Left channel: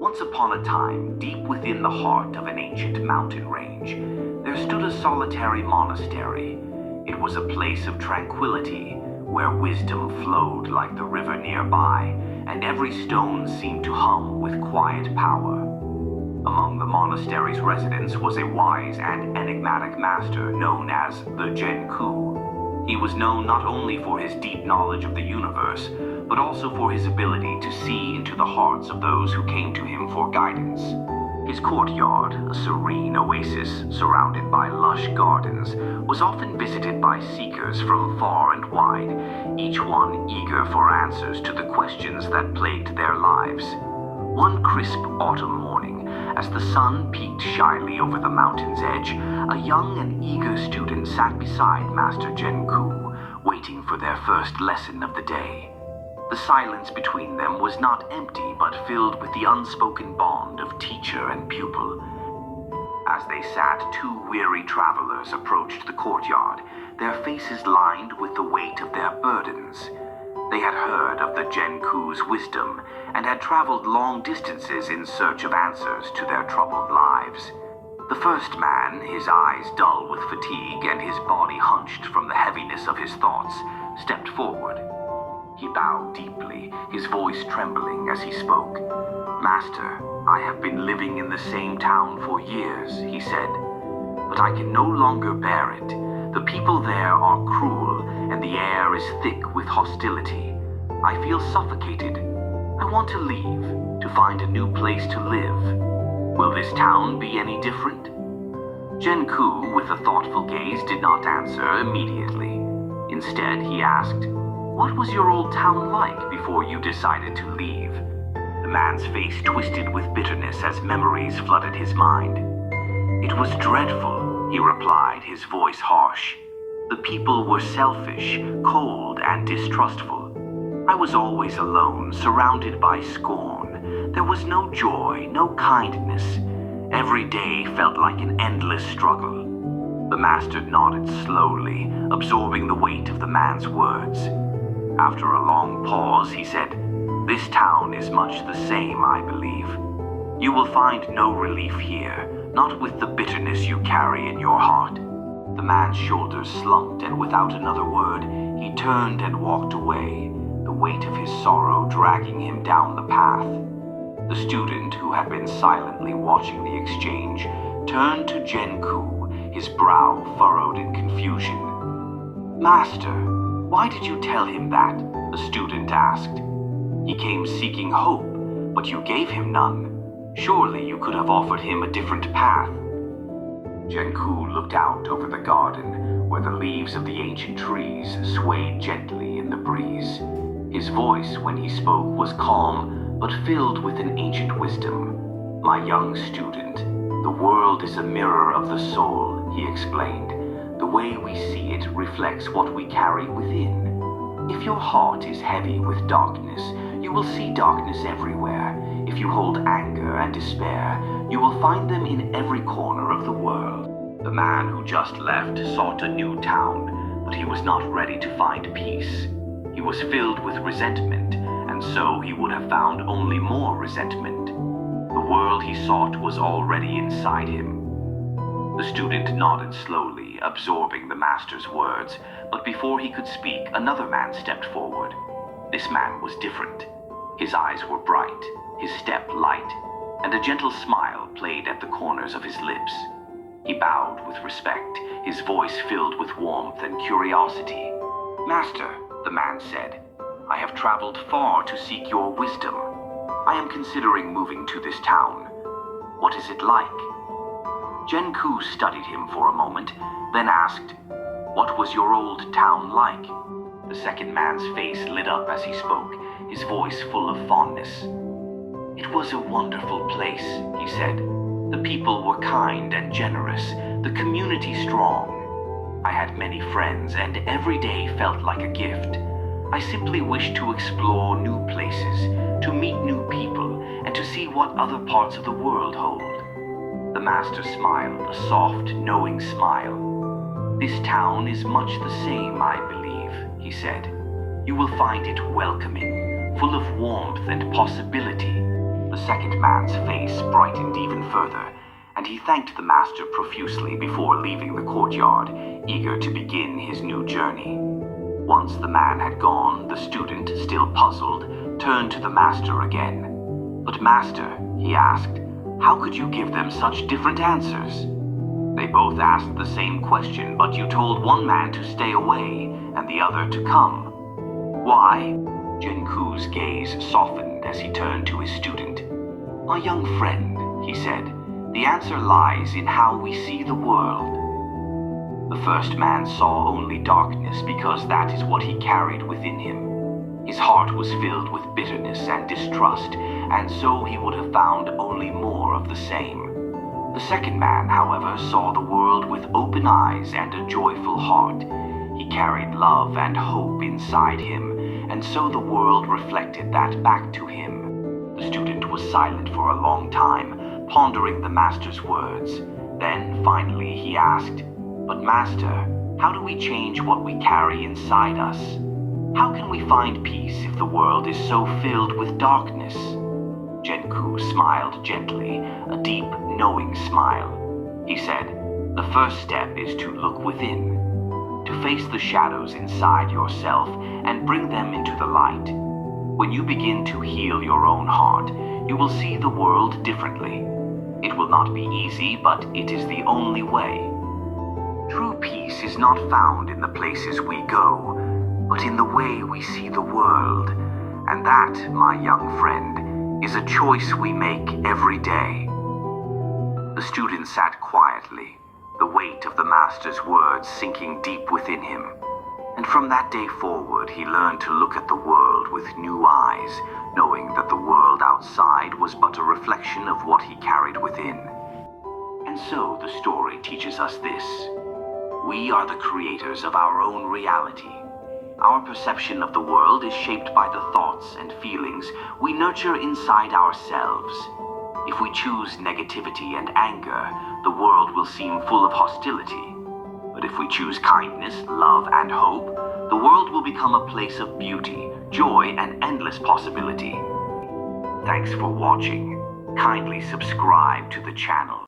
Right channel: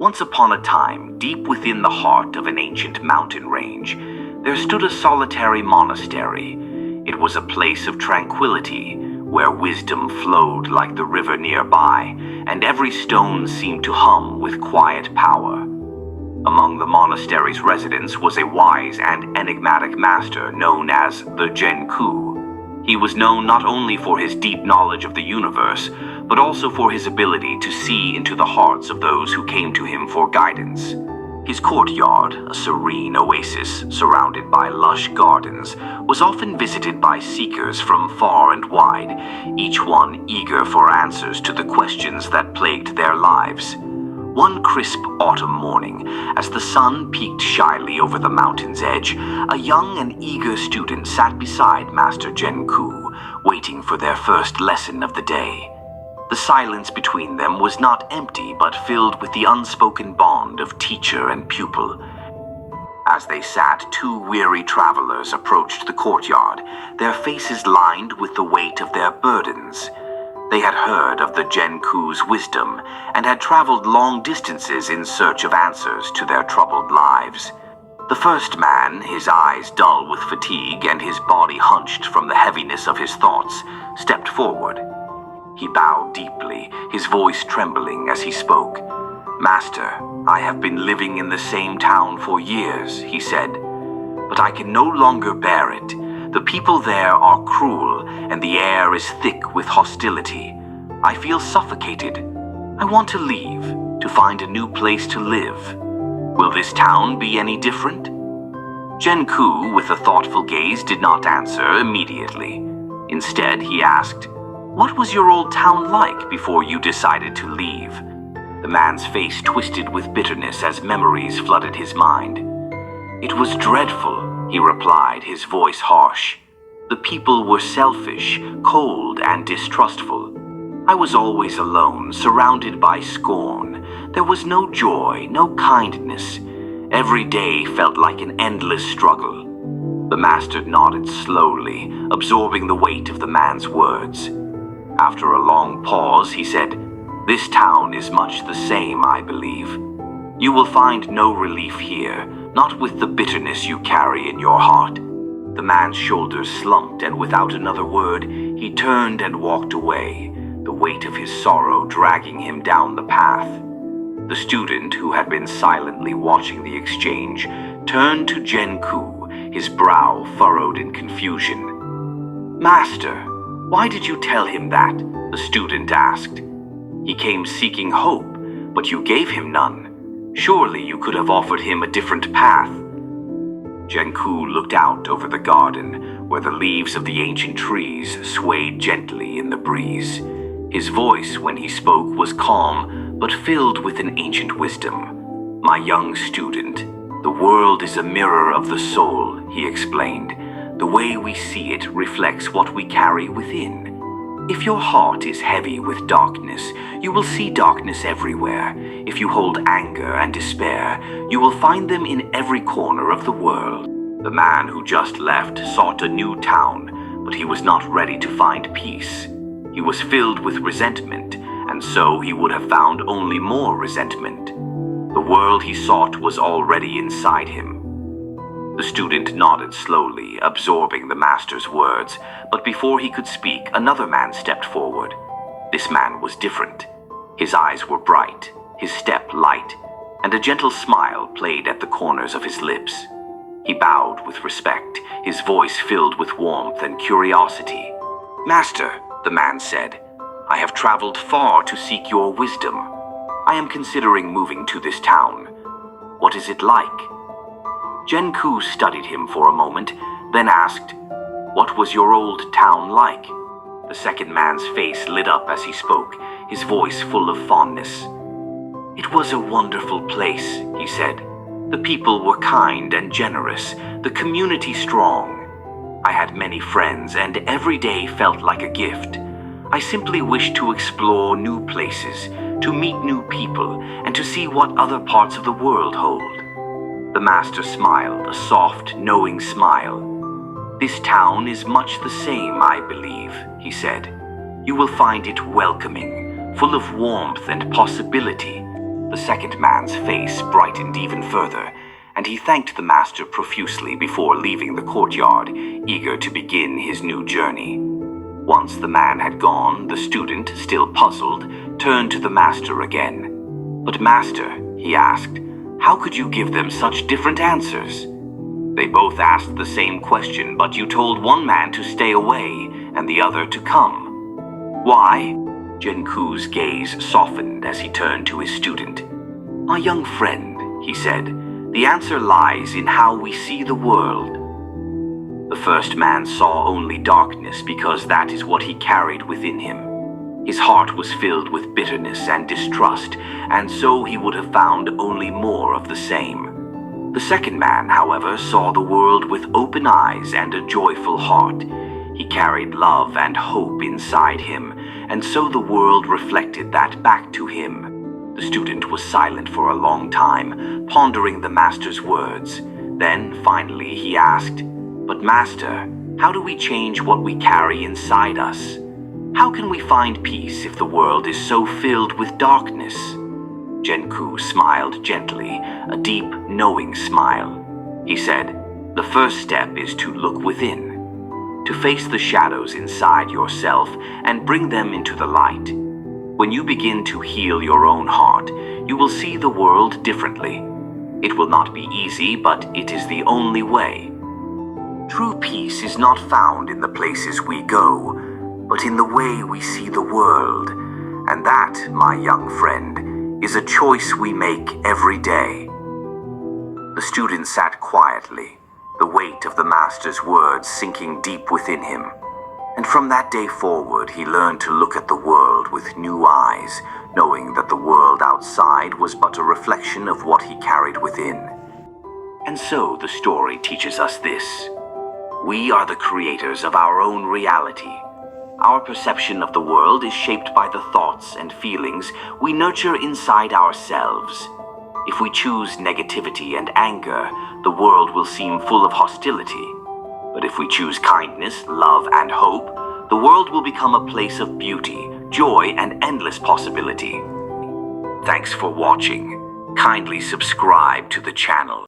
Once upon a time, deep within the heart of an ancient mountain range, there stood a solitary monastery. It was a place of tranquility, where wisdom flowed like the river nearby, and every stone seemed to hum with quiet power. Among the monastery's residents was a wise and enigmatic master known as the Genku. He was known not only for his deep knowledge of the universe, but also for his ability to see into the hearts of those who came to him for guidance. His courtyard, a serene oasis surrounded by lush gardens, was often visited by seekers from far and wide, each one eager for answers to the questions that plagued their lives. One crisp autumn morning, as the sun peeked shyly over the mountain's edge, a young and eager student sat beside Master Genku, waiting for their first lesson of the day. The silence between them was not empty, but filled with the unspoken bond of teacher and pupil. As they sat, two weary travelers approached the courtyard, their faces lined with the weight of their burdens. They had heard of the Genku's wisdom and had traveled long distances in search of answers to their troubled lives. The first man, his eyes dull with fatigue and his body hunched from the heaviness of his thoughts, stepped forward. He bowed deeply, his voice trembling as he spoke. "Master, I have been living in the same town for years," he said, "but I can no longer bear it. The people there are cruel, and the air is thick with hostility. I feel suffocated. I want to leave, to find a new place to live. Will this town be any different?" Genku, with a thoughtful gaze, did not answer immediately. Instead, he asked, "What was your old town like before you decided to leave?" The man's face twisted with bitterness as memories flooded his mind. "It was dreadful," he replied, his voice harsh. "The people were selfish, cold, and distrustful. I was always alone, surrounded by scorn. There was no joy, no kindness. Every day felt like an endless struggle." The master nodded slowly, absorbing the weight of the man's words. After a long pause, he said, "This town is much the same, I believe. You will find no relief here, not with the bitterness you carry in your heart." The man's shoulders slumped, and without another word, he turned and walked away, the weight of his sorrow dragging him down the path. The student, who had been silently watching the exchange, turned to Genku, his brow furrowed in confusion. "Master, why did you tell him that?" the student asked. "He came seeking hope, but you gave him none. Surely you could have offered him a different path." Genku looked out over the garden, where the leaves of the ancient trees swayed gently in the breeze. His voice, when he spoke, was calm, but filled with an ancient wisdom. "My young student, the world is a mirror of the soul," he explained. "The way we see it reflects what we carry within. If your heart is heavy with darkness, you will see darkness everywhere. If you hold anger and despair, you will find them in every corner of the world." The man who just left sought a new town, but he was not ready to find peace. He was filled with resentment, and so he would have found only more resentment. The world he sought was already inside him. The student nodded slowly, absorbing the master's words, but before he could speak, another man stepped forward. This man was different. His eyes were bright, his step light, and a gentle smile played at the corners of his lips. He bowed with respect, his voice filled with warmth and curiosity. "Master," the man said, "I have traveled far to seek your wisdom. I am considering moving to this town. What is it like?" Genku studied him for a moment, then asked, "What was your old town like?" The second man's face lit up as he spoke, his voice full of fondness. "It was a wonderful place," he said. "The people were kind and generous, the community strong. I had many friends, and every day felt like a gift. I simply wished to explore new places, to meet new people, and to see what other parts of the world hold." The master smiled, a soft, knowing smile. "This town is much the same, I believe," he said. "You will find it welcoming, full of warmth and possibility. The second man's face brightened even further, and he thanked the master profusely before leaving the courtyard, eager to begin his new journey. Once the man had gone, the student, still puzzled, turned to the master again. "But master," he asked, "how could you give them such different answers? They both asked the same question, but you told one man to stay away and the other to come. Why?" Genku's gaze softened as he turned to his student. "My young friend," he said, "the answer lies in how we see the world." The first man saw only darkness because that is what he carried within him. His heart was filled with bitterness and distrust, and so he would have found only more of the same. The second man, however, saw the world with open eyes and a joyful heart. He carried love and hope inside him, and so the world reflected that back to him. The student was silent for a long time, pondering the master's words. Then, finally, he asked, "But master, how do we change what we carry inside us? How can we find peace if the world is so filled with darkness?" Genku smiled gently, a deep, knowing smile. He said, "The first step is to look within, to face the shadows inside yourself and bring them into the light. When you begin to heal your own heart, you will see the world differently. It will not be easy, but it is the only way. True peace is not found in the places we go, but in the way we see the world. And that, my young friend, is a choice we make every day." The student sat quietly, the weight of the master's words sinking deep within him. And from that day forward, he learned to look at the world with new eyes, knowing that the world outside was but a reflection of what he carried within. And so the story teaches us this: we are the creators of our own reality. Our perception of the world is shaped by the thoughts and feelings we nurture inside ourselves. If we choose negativity and anger, the world will seem full of hostility. But if we choose kindness, love, and hope, the world will become a place of beauty, joy, and endless possibility. Thanks for watching. Kindly subscribe to the channel.